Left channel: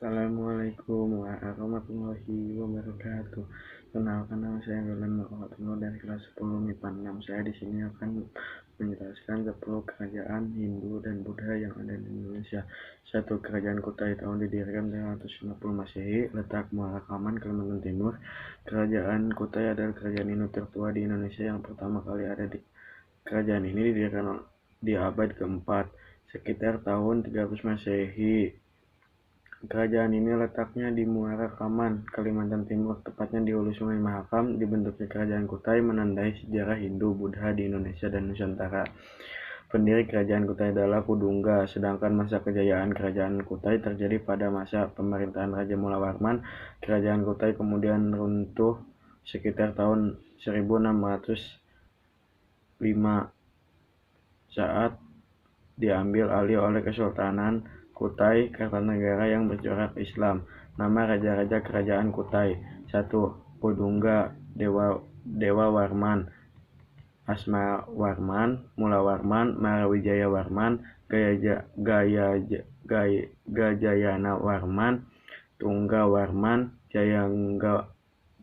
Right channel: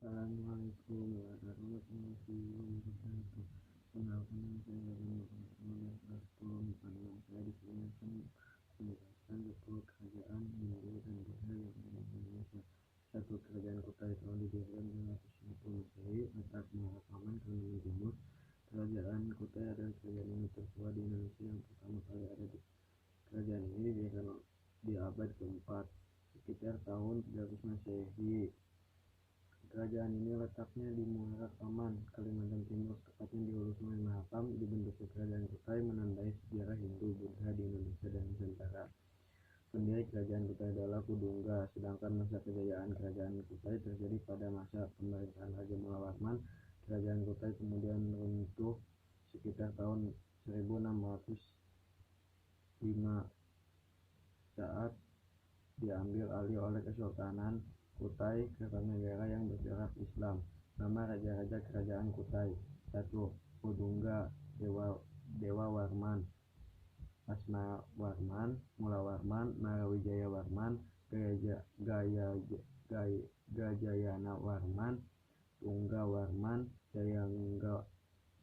Assalamualaikum warahmatullahi wabarakatuh. Kenalkan, nama saya Dolan Muhammad dari kelas 10 MIPA 6. Saya di sini akan menjelaskan 10 kerajaan Hindu dan Buddha yang ada di Indonesia. 1. Kerajaan Kutai tahun didirikan 350 Masehi, letak Muara Kaman, Kalimantan Timur. Kerajaan Kutai adalah kerajaan Hindu tertua di Indonesia yang pertama kali ada di kerajaan ini didirikan di abad keempat, sekitar tahun 300 Masehi. Kerajaan ini letaknya di Muara Kaman, Kalimantan Timur, tepatnya di hulu Sungai Mahakam. Dibentuknya kerajaan Kutai menandai sejarah Hindu-Buddha di Indonesia dan Nusantara. Pendiri kerajaan Kutai adalah Kudungga, sedangkan masa kejayaan kerajaan Kutai terjadi pada masa pemerintahan Raja Mulawarman. Kerajaan Kutai kemudian runtuh sekitar tahun 1605 saat diambil alih oleh Kesultanan Kutai Kartanegara yang bercorak Islam. Nama raja-raja kerajaan Kutai: 1. Kudungga, Dewa Warman, Asma Warman, Mula Warman, Marawijaya Warman, Gajayana Warman, Tungga Warman,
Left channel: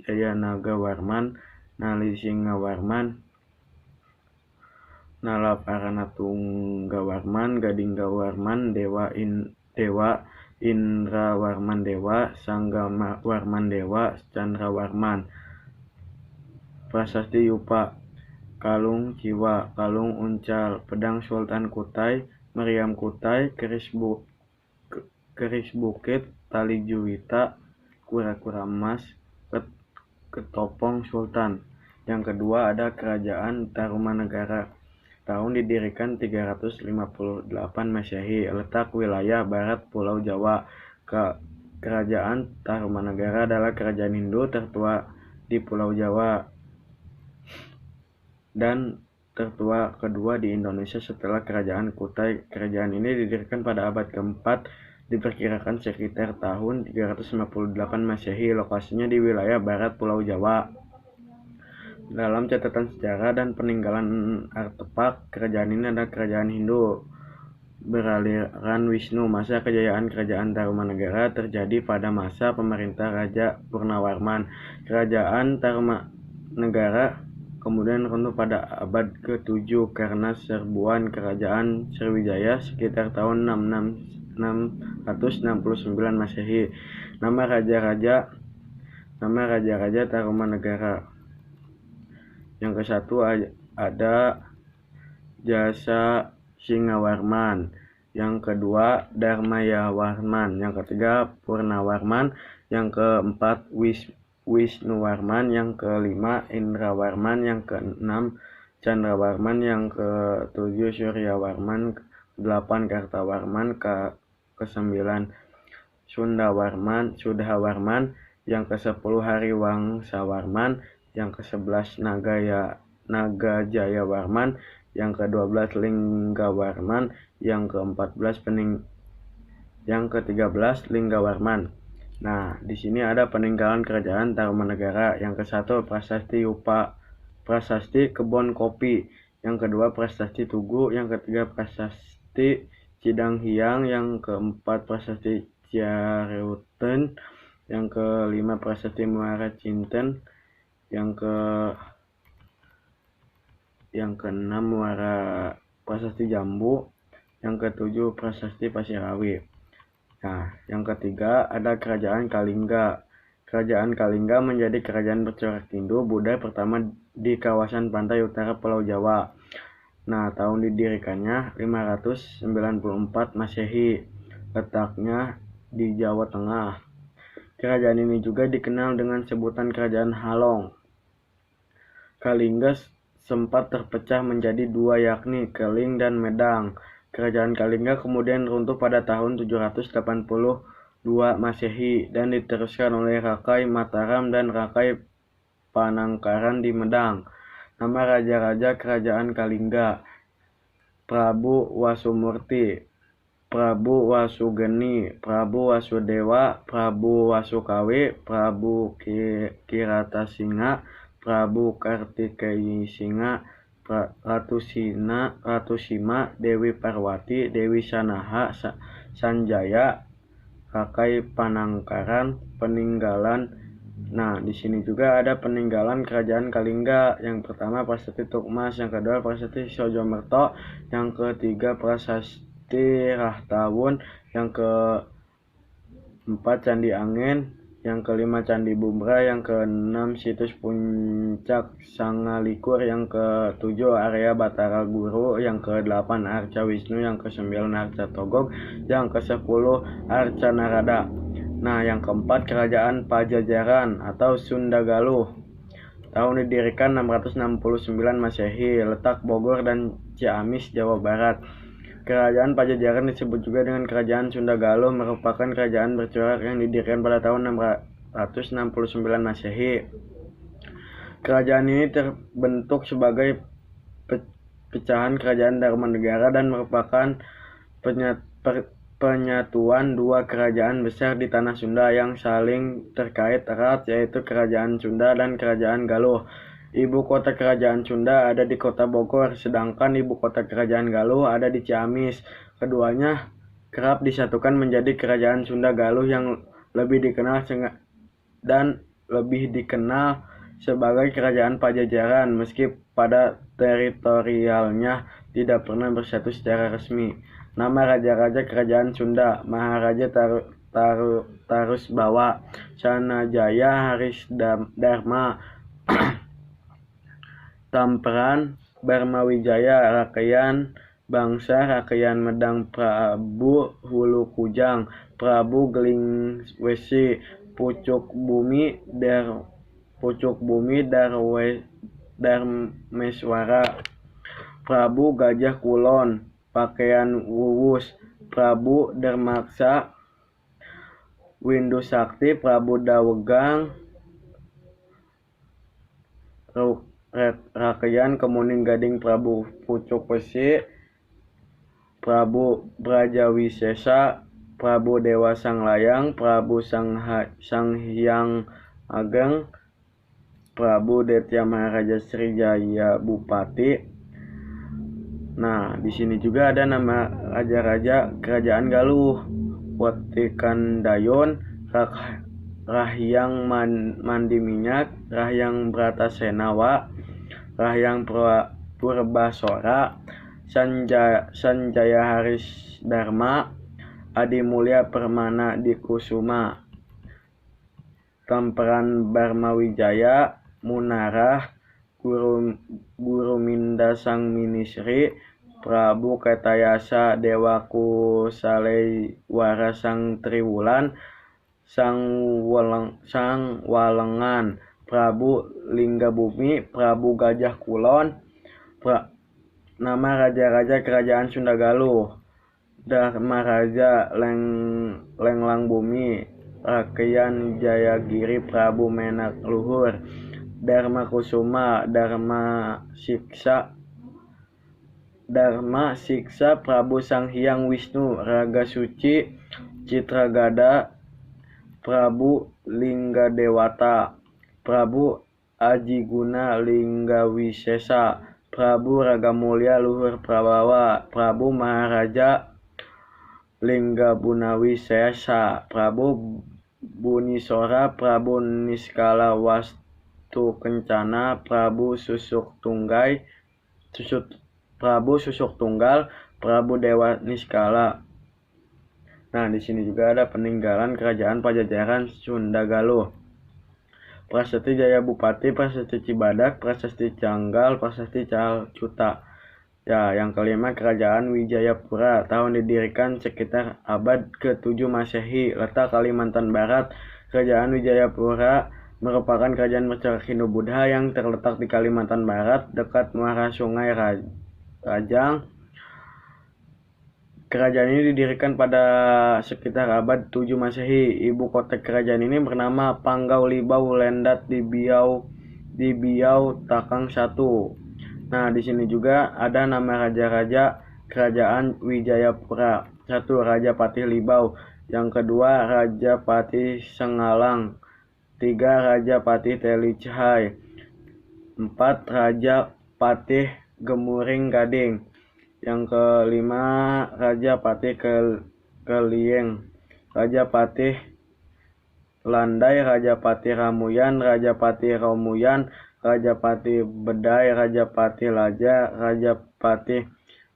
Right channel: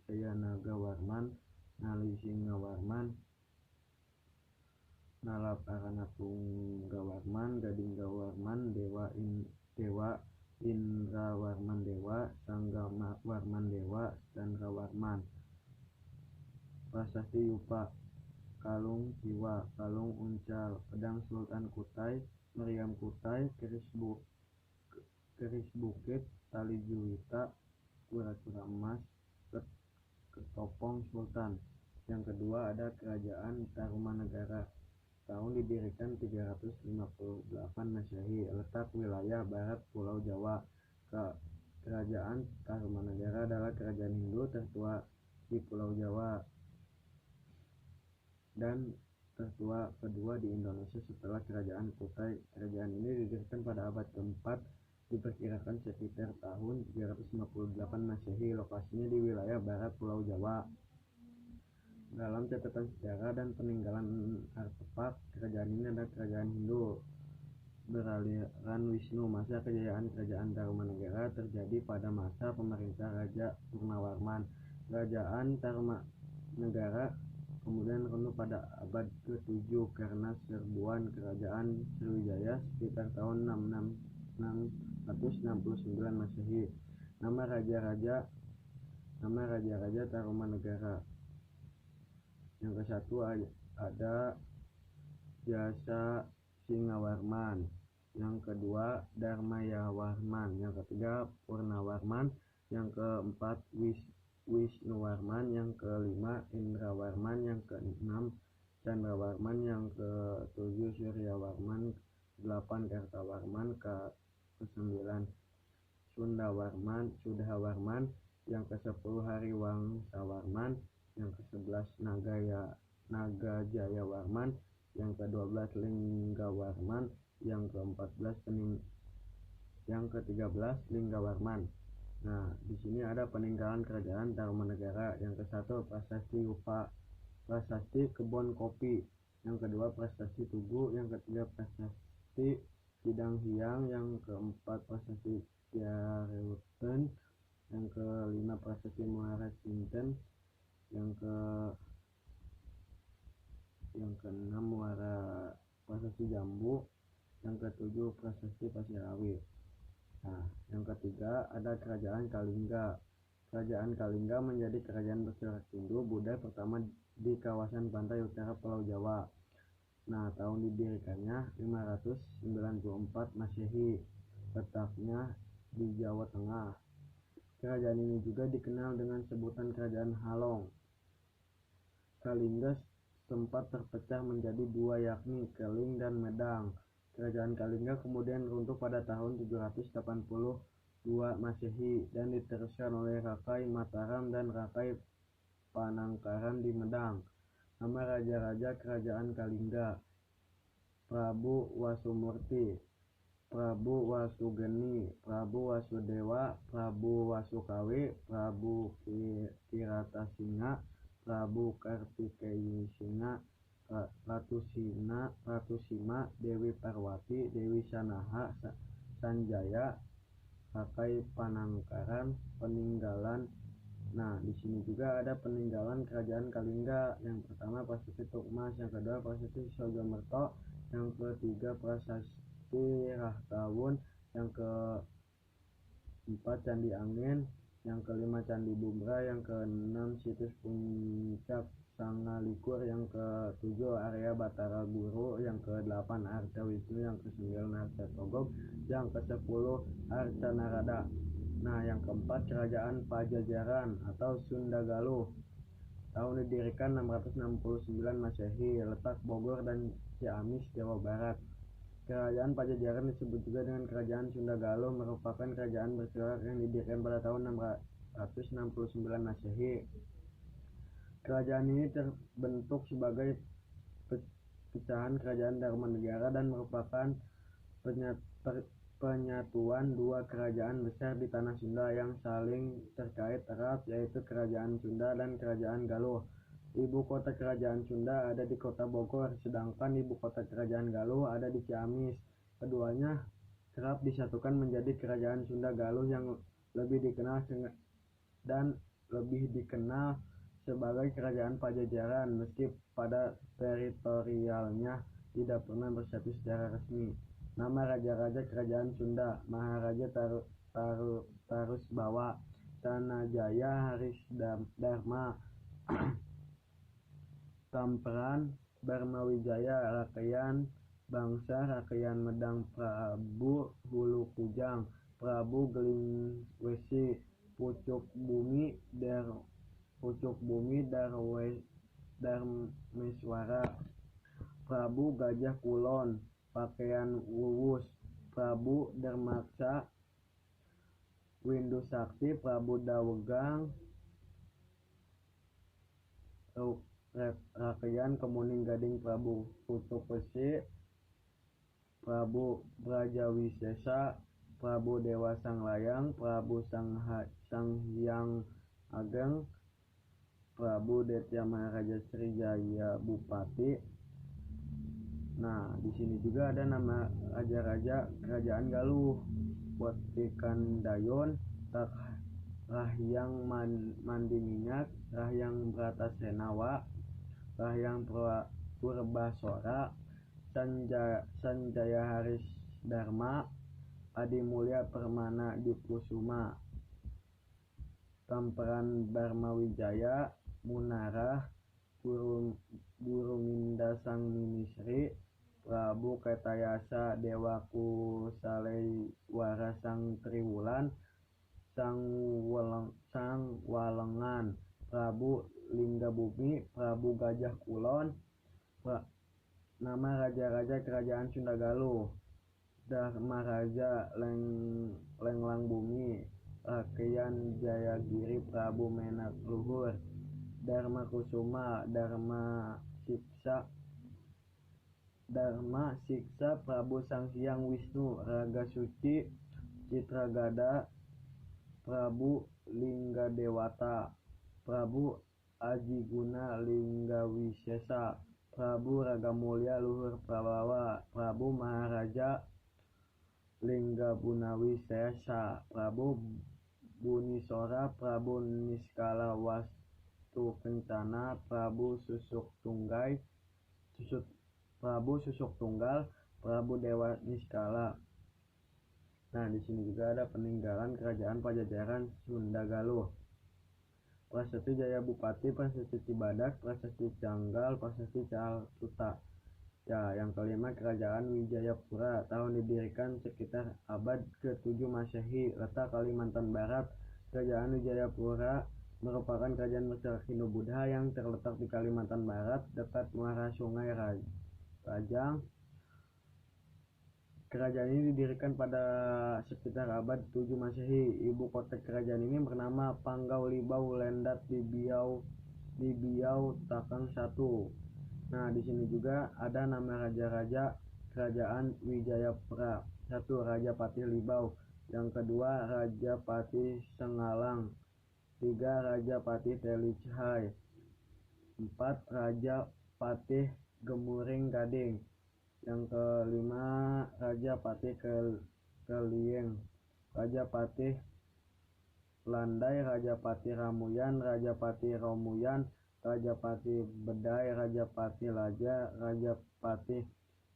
Jayanaga Warman, Nalisinga Warman, Nalaparana Tungga Warman, Gadingga Warman, Dewa Indra Warman Dewa, Sangga Warman Dewa, Chandra Warman. Prasasti Yupa: Kalung Ciwa, Kalung Uncal, Pedang Sultan Kutai, Meriam Kutai, Keris Bukit, Tali Juwita, Kura-kura Emas, Ketopong Sultan. Yang kedua ada Kerajaan Tarumanegara. Tahun didirikan 358 Masehi, letak wilayah barat Pulau Jawa. Kerajaan Tarumanegara adalah kerajaan Hindu tertua di Pulau Jawa dan tertua kedua di Indonesia setelah kerajaan Kutai. Kerajaan ini didirikan pada abad keempat, diperkirakan sekitar tahun 358 Masehi. Lokasinya di wilayah barat Pulau Jawa. Dalam catatan sejarah dan peninggalan artefak, kerajaan ini adalah kerajaan Hindu beraliran Wisnu. Masa kejayaan kerajaan Tarumanegara terjadi pada masa pemerintah Raja Purnawarman. Kerajaan Tarumanegara kemudian runtuh pada abad ke-7 karena serbuan kerajaan Sriwijaya sekitar tahun 669 Masehi. Nama raja-raja Tarumanegara: yang ke-1 ada Jasa Singawarman, yang kedua Dharmayawarman, yang ketiga Purnawarman, yang keempat Wisnuwarman, yang kelima Indrawarman, yang keenam Chandrawarman, yang ketujuh Suryawarman, ke-8 Kartawarman, ke-9 Sudhawarman, yang ke-10 Hariwangsawarman, yang ke-11 Nagajayawarman, yang ke-12 Linggawarman, yang ke-13 Linggawarman. Nah, di sini ada peninggalan kerajaan Tarumanegara. Yang ke-1 Prasasti Yupa, Prasasti Kebon Kopi, yang kedua Prasasti Tugu, yang ketiga Prasasti Cidanghiang, yang keempat Prasasti Ciareuten, yang kelima Prasasti Muara Cinten, yang keenam Muara Prasasti Jambu, yang ketujuh Prasasti Pasirawi. Nah, yang ketiga ada Kerajaan Kalingga. Kerajaan Kalingga menjadi kerajaan bercorak Hindu Buddha pertama di kawasan pantai utara Pulau Jawa. Nah, tahun didirikannya 594 Masehi, letaknya di Jawa Tengah. Kerajaan ini juga dikenal dengan sebutan Kerajaan Halong. Kalingga sempat terpecah menjadi dua, yakni Keling dan Medang. Kerajaan Kalingga kemudian runtuh pada tahun 782 Masehi dan diteruskan oleh Rakai Mataram dan Rakai Panangkaran di Medang. Nama raja-raja kerajaan Kalingga: Prabu Wasumurti, Prabu Wasugeni, Prabu Wasudewa, Prabu Wasukawi, Prabu Kiratasinga, Prabu Kartikeyisinga, Ratu Sima, Dewi Parwati, Dewi Sanaha, Sanjaya, Kakai Panangkaran, peninggalan. Nah, di sini juga ada peninggalan kerajaan Kalingga. Yang pertama Prasasti Tukmas, yang kedua Prasasti Sojomerto, yang ketiga Prasasti Rahtawun, yang keempat Candi Angin, yang kelima Candi Bumbra, yang keenam situs Puncak Sangalikur, yang ketujuh area Batara Guru, yang kedelapan Arca Wisnu, yang kesembilan Arca Togog, yang kesepuluh Arca Narada. Nah, yang keempat Kerajaan Pajajaran atau Sunda Galuh. Tahun didirikan 669 Masehi, letak Bogor dan Ciamis, Jawa Barat. Kerajaan Pajajaran disebut juga dengan Kerajaan Sunda Galuh, merupakan kerajaan bercorak yang didirikan pada tahun 669 Masehi. Kerajaan ini terbentuk sebagai pecahan Kerajaan Dharmanegara dan merupakan penyatuan dua kerajaan besar di tanah Sunda yang saling terkait erat, yaitu Kerajaan Sunda dan Kerajaan Galuh. Ibu kota Kerajaan Sunda ada di kota Bogor, sedangkan ibu kota Kerajaan Galuh ada di Ciamis. Keduanya kerap disatukan menjadi Kerajaan Sunda Galuh yang lebih dikenal sebagai Kerajaan Pajajaran, meski pada teritorialnya tidak pernah bersatu secara resmi. Nama raja-raja Kerajaan Sunda: Maharaja Tarusbawa, Sanajaya Harisdharma, Tamperan Barmawijaya, Rakeyan Bangsa, Rakeyan Medang, Prabu Hulu Kujang, Prabu Gelingwesi, Pucuk Bumi Darmeswara, Prabu Gajah Kulon, Pakaian Wuwus, Prabu Dermaksa, Windu Sakti, Prabu Dawegang, Rakeyan Kemuning Gading, Prabu Pucuk Wesi, Prabu Brajawisesa, Prabu Dewa Sanglayang, Prabu Sanghyang Ageng, Prabu Detya Maharaja Srijaya Bupati. Nah, di sini juga ada nama raja-raja Kerajaan Galuh: Watikandayon, Rahyang Mandiminyak, Rahyang Bratasenawa, Rahyang Purbasora, Sanjaya Harisdharma, Adimulya Permana Dikusuma, Tamperan Barmawijaya, Munarah, Guru Minda Sang Minisri, Prabu Ketayasa Dewa Kusalewara Sang Triwulan, Sang Walengan, Prabu Linggabumi, Prabu Gajah Kulon. Nama raja-raja Kerajaan Sunda Galuh: Dharmaraja Lenglang Bumi, Rakeyan Jayagiri, Prabu Menak Luhur, Dharma Kusuma, Dharma Siksa, Prabu Sanghyang Wisnu, Raga Suci, Citragada, Prabu Linggadewata, Prabu Ajiguna Linggawisesa, Prabu Ragamulya Luhur Prabawa, Prabu Maharaja Linggabunawisesa, Prabu Bunisora, Prabu Niskala Wastu Kencana, Prabu Susuk Tunggal, Prabu Dewa Niskala. Nah, di sini juga ada peninggalan Kerajaan Pajajaran Sunda Galuh: Prasasti Jaya Bupati, Prasasti Cibadak, Prasasti Canggal, Prasasti Calcuta. Ya, yang kelima Kerajaan Wijayapura. Tahun didirikan sekitar abad ke-7 Masehi, letak Kalimantan Barat. Kerajaan Wijayapura merupakan kerajaan bercorak Hindu-Buddha yang terletak di Kalimantan Barat, dekat muara Sungai Rajang. Kerajaan ini didirikan pada sekitar abad 7 Masehi. Ibu kota kerajaan ini bernama Panggau Libau Lendat di Biau Takang 1. Nah, di sini juga ada nama raja-raja Kerajaan Wijayapura. 1. Raja Patih Libau. Yang kedua Raja Patih Sengalang. 3. Raja Patih Telicahai. 4. Raja Patih Gemuring Gading. Yang kelima Raja Patih Kelieng. Rajapati Landai, Rajapati Ramuyan, Rajapati Romuyan, Rajapati Bedai, Rajapati Laja, Rajapati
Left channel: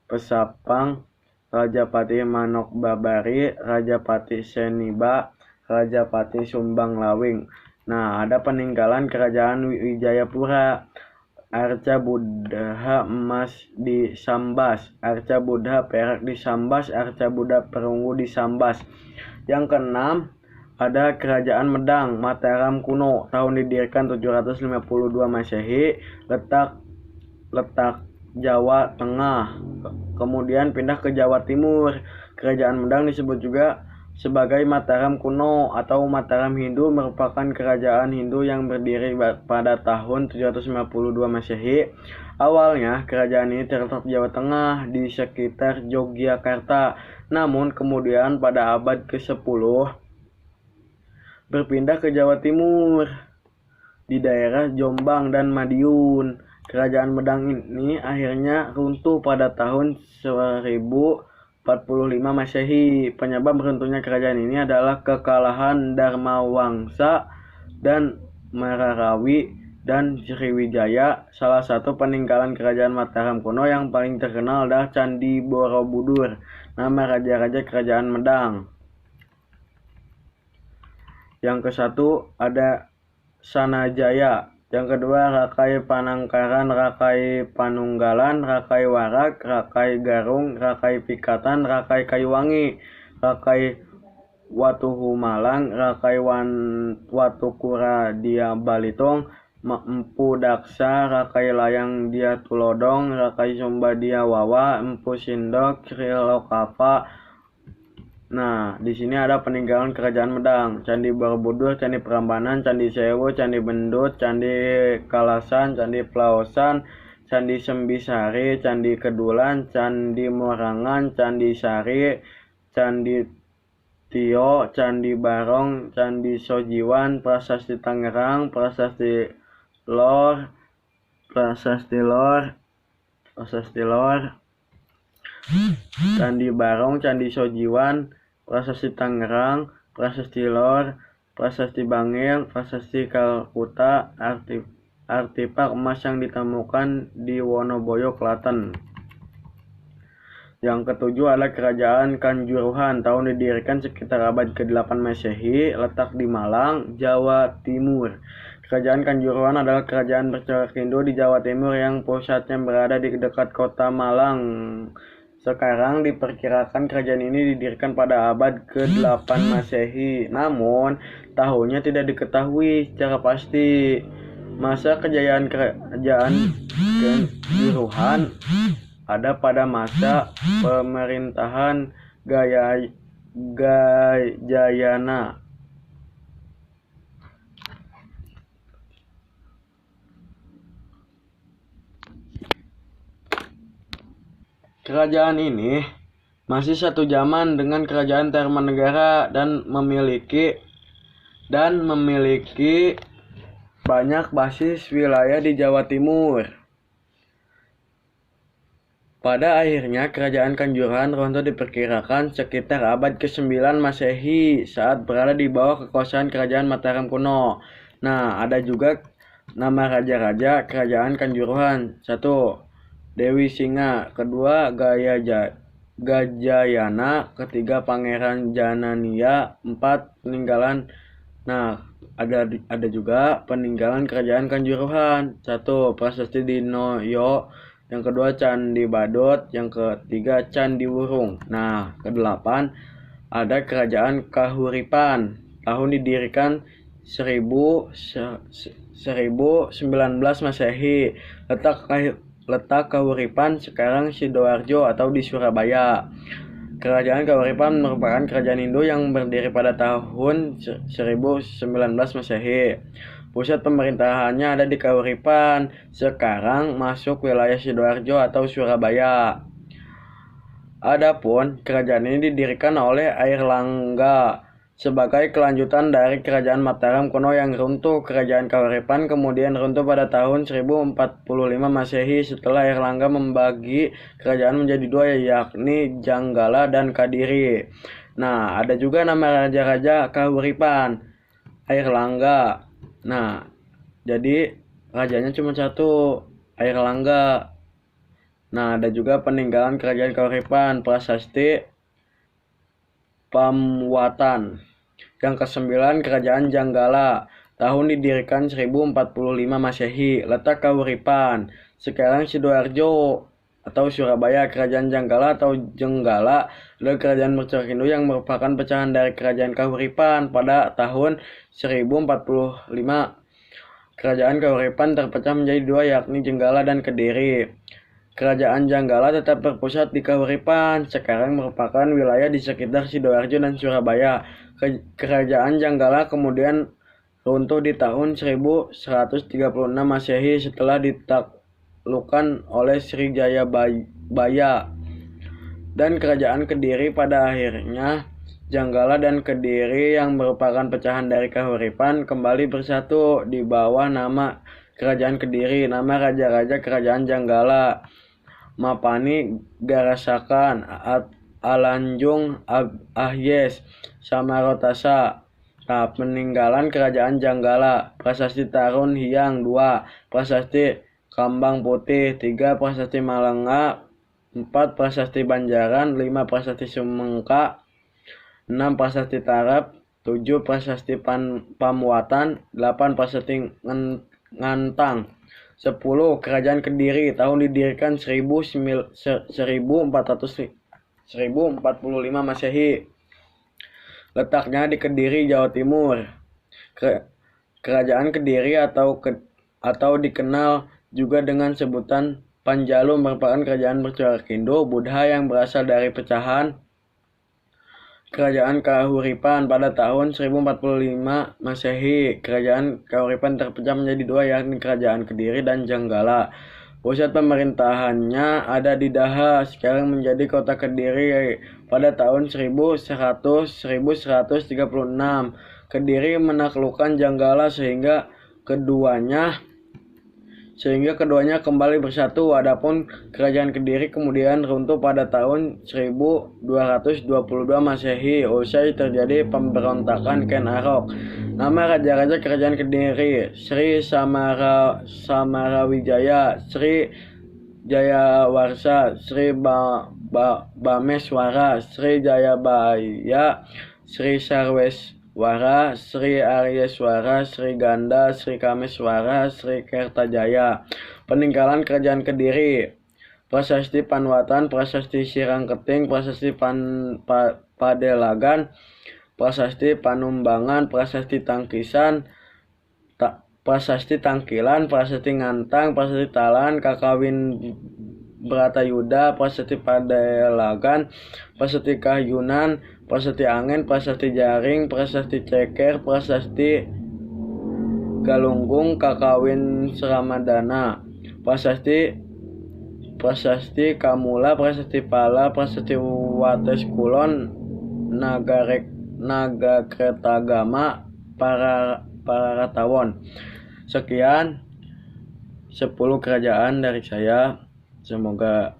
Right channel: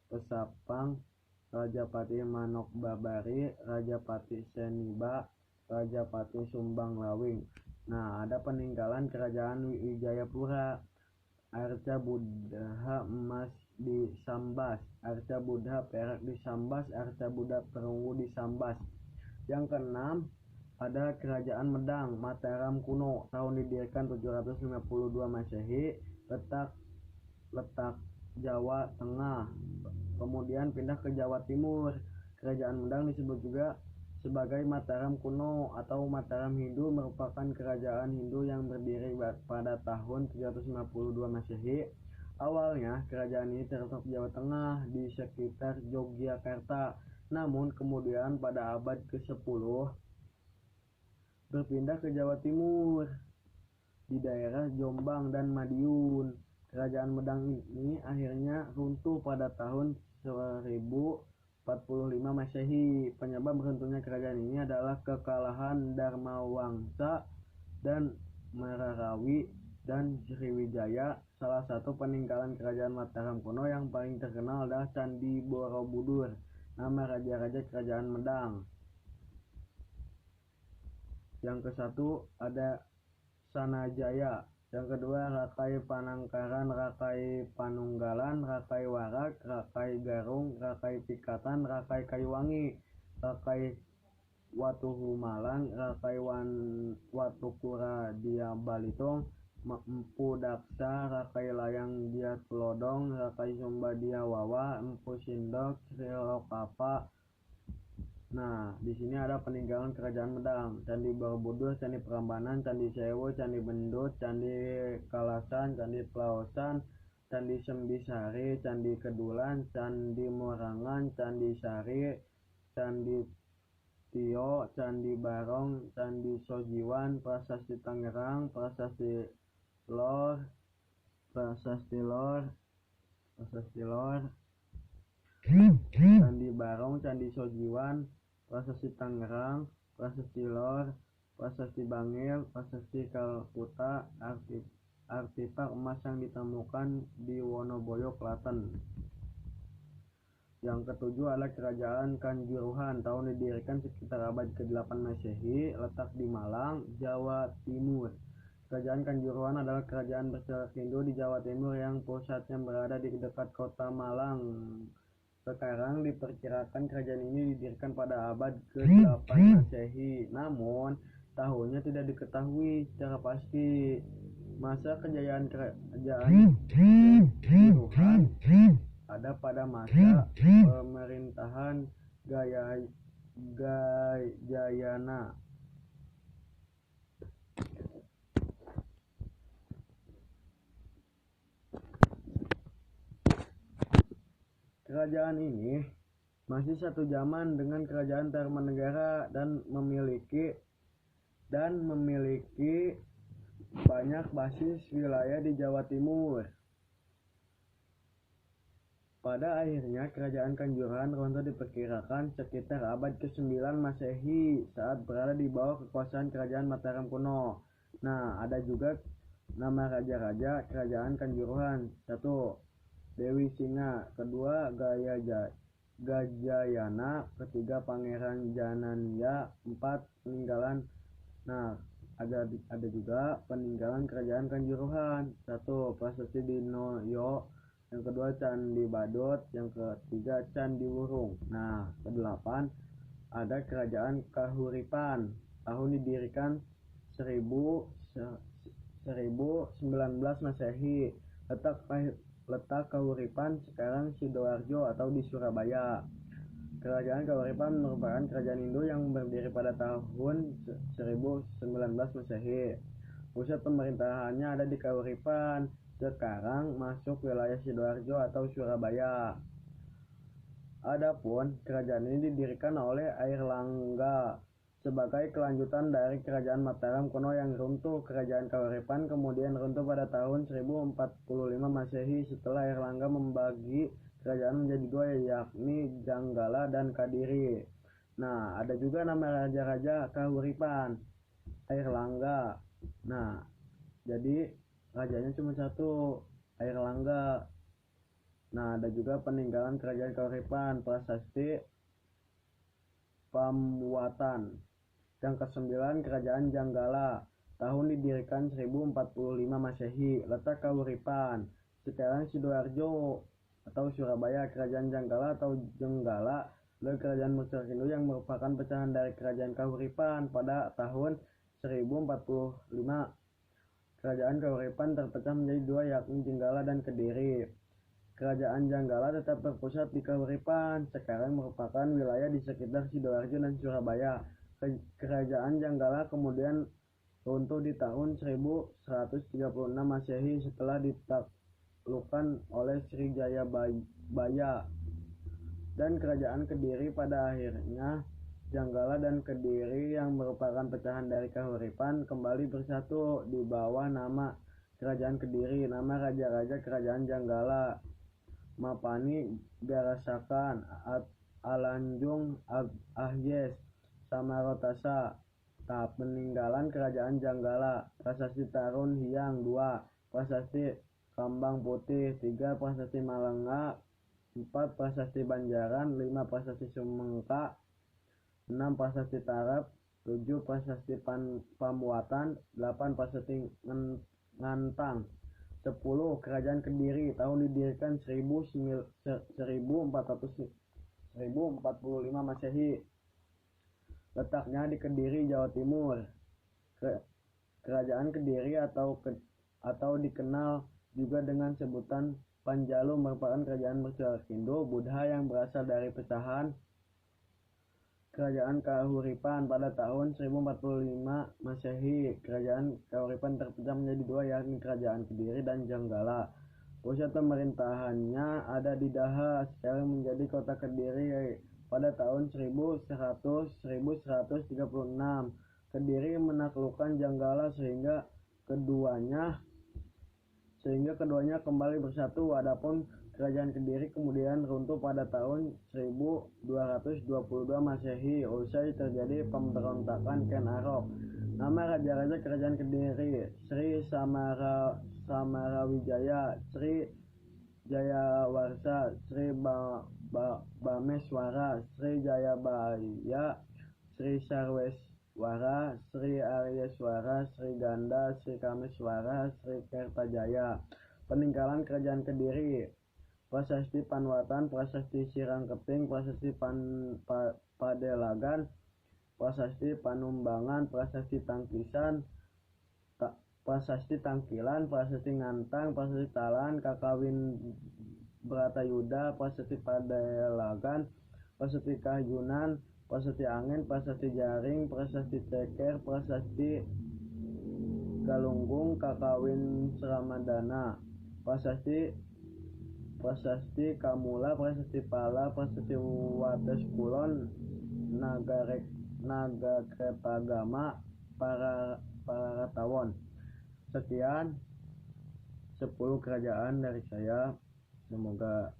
Pesapang, Rajapati Manok Babari, Rajapati Seniba, Rajapati Sumbang Lawing. Nah, ada peninggalan kerajaan Wijayapura. Arca Buddha emas di Sambas, Arca Buddha perak di Sambas, Arca Buddha perunggu di Sambas. Yang keenam, ada Kerajaan Medang, Mataram kuno, tahun didirikan 752 Masehi, letak Jawa Tengah. Kemudian pindah ke Jawa Timur. Kerajaan Medang disebut juga sebagai Mataram kuno atau Mataram Hindu, merupakan kerajaan Hindu yang berdiri pada tahun 752 Masehi. Awalnya kerajaan ini terletak di Jawa Tengah di sekitar Yogyakarta. Namun kemudian pada abad ke-10 berpindah ke Jawa Timur di daerah Jombang dan Madiun. Kerajaan Medang ini akhirnya runtuh pada tahun 1045 Masehi. Penyebab runtuhnya kerajaan ini adalah kekalahan Dharmawangsa dan Mararawi dan Sriwijaya. Salah satu peninggalan kerajaan Mataram kuno yang paling terkenal adalah Candi Borobudur, nama raja-raja kerajaan Medang. Yang ke-1 ada Sanajaya. Yang kedua Rakai Panangkaran, Rakai Panunggalan, Rakai Warak, Rakai Garung, Rakai Pikatan, Rakai Kayuwangi, Rakai Watuhumalang, Rakai Watukura Dia Balitung, Empu Daksa, Rakai Layang Dia Tulodong, Rakai Sumba Dia Wawa, Empu Sindok, Trilokapa. Nah, di sini ada peninggalan kerajaan Medang: Candi Borobudur, Candi Prambanan, Candi Sewu, Candi Bendut, Candi Kalasan, Candi Plaosan, Candi Sembisari, Candi Kedulan, Candi Morangan, Candi Sari, Candi Tio, Candi Barong, Candi Sojiwan, Prasasti Tangerang, Prasasti Lor, Candi Barong, Candi Sojiwan, Prasasti Tangerang, Prasasti Lor, Prasasti Bangil, Prasasti Kalkuta, artefak emas yang ditemukan di Wonoboyo, Klaten. Yang ke-7 adalah Kerajaan Kanjuruhan, tahun didirikan sekitar abad ke-8 Masehi, letak di Malang, Jawa Timur. Kerajaan Kanjuruhan adalah kerajaan bercorak Hindu di Jawa Timur yang pusatnya berada di dekat kota Malang. Sekarang diperkirakan kerajaan ini didirikan pada abad ke-8 Masehi, namun tahunnya tidak diketahui secara pasti. Masa kejayaan kerajaan Kanjuruhan ada pada masa pemerintahan Gajayana. Kerajaan ini masih satu zaman dengan kerajaan Tarumanegara dan memiliki banyak basis wilayah di Jawa Timur. Pada akhirnya kerajaan Kanjuruhan runtuh diperkirakan sekitar abad ke-9 Masehi saat berada di bawah kekuasaan kerajaan Mataram kuno. Nah, ada juga nama raja-raja kerajaan Kanjuruhan. 1. Dewi Singa, kedua Gajayana, ketiga Pangeran Janania, 4 peninggalan. Nah, ada juga peninggalan kerajaan Kanjuruhan. 1. Prasasti Dinoyo, yang kedua Candi Badut, yang ketiga Candi Wurung. Nah, ke-8 ada Kerajaan Kahuripan, tahun didirikan 1019 Masehi, letak Kahuripan sekarang Sidoarjo atau di Surabaya. Kerajaan Kahuripan merupakan kerajaan Hindu yang berdiri pada tahun 1019 Masehi. Pusat pemerintahannya ada di Kahuripan, sekarang masuk wilayah Sidoarjo atau Surabaya. Adapun kerajaan ini didirikan oleh Airlangga sebagai kelanjutan dari kerajaan Mataram kuno yang runtuh. Kerajaan Kahuripan kemudian runtuh pada tahun 1045 Masehi setelah Airlangga membagi kerajaan menjadi 2, yakni Janggala dan Kadiri. Nah, ada juga nama raja-raja kahuripan, Airlangga. Nah, jadi rajanya cuma satu, Airlangga. Nah, ada juga peninggalan kerajaan kahuripan, Prasasti Pamuatan. Yang kesembilan, Kerajaan Janggala. Tahun didirikan 1045 Masehi. Letak Kahuripan. Sekarang Sidoarjo atau Surabaya. Kerajaan Janggala atau Jenggala adalah kerajaan Mercusuar yang merupakan pecahan dari Kerajaan Kahuripan pada tahun 1045. Kerajaan Kahuripan terpecah menjadi dua, yakni Jenggala dan Kediri. Kerajaan Janggala tetap berpusat di Kahuripan, sekarang merupakan wilayah di sekitar Sidoarjo dan Surabaya. Kerajaan Janggala kemudian runtuh di tahun 1136 Masehi setelah ditaklukkan oleh Srijayabaya dan Kerajaan Kediri. Pada akhirnya Janggala dan Kediri yang merupakan pecahan dari Kahuripan kembali bersatu di bawah nama Kerajaan Kediri. Nama raja-raja Kerajaan Janggala: Mapani Garasakan, Alanjung, Ahyes, Samarotasa. Nah, peninggalan Kerajaan Janggala: Prasasti Tarun Hyang 2, Prasasti Kambang Putih 3, Prasasti Malenga 4, Prasasti Banjaran 5, Prasasti Sumengka 6, Prasasti Tarap 7, Prasasti Pamuatan 8, Prasasti Ngantang 10. Kerajaan Kediri. Tahun didirikan 1045 Masehi. Letaknya di Kediri, Jawa Timur. Kerajaan Kediri atau dikenal juga dengan sebutan Panjalu merupakan kerajaan Mercusuar Buddha yang berasal dari pecahan Kerajaan Kahuripan pada tahun 1045 Masehi. Kerajaan Kahuripan terpecah menjadi dua, yakni Kerajaan Kediri dan Janggala. Pusat pemerintahannya ada di Daha, sekarang menjadi kota Kediri. Pada tahun 1136, Kediri menaklukkan Janggala sehingga keduanya kembali bersatu. Adapun Kerajaan Kediri kemudian runtuh pada tahun 1222 Masehi usai terjadi pemberontakan Ken Arok. Nama raja-raja Kerajaan Kediri: Sri Samarawijaya, Sri Jayawarsa, Sri Bameswara, Sri Jayabaya, Sri Sarweswara, Sri Aryeswara, Sri Ganda, Sri Kameswara, Sri Kertajaya. Peninggalan Kerajaan Kediri: Prasasti Panwatan, Prasasti Sirangketing, Prasasti Padelagan, Prasasti Panumbangan, Prasasti Tangkisan, Prasasti Tangkilan, Prasasti Ngantang, Prasasti Talan, Kakawin Bratayuda, Prasasti Padelagan, Prasasti Kahyunan, Prasasti Angin, Prasasti Jaring, Prasasti Ceker, Prasasti Galunggung, Kakawin Seramadana, Prasasti Kamula, Prasasti Pala, Prasasti Wates Kulon, Nagakretagama, Pararatawon. Sekian 10 kerajaan dari saya, semoga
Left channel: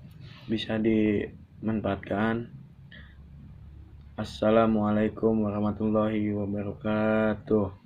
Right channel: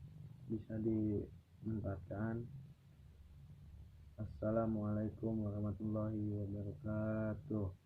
bisa dimanfaatkan. Assalamualaikum warahmatullahi wabarakatuh.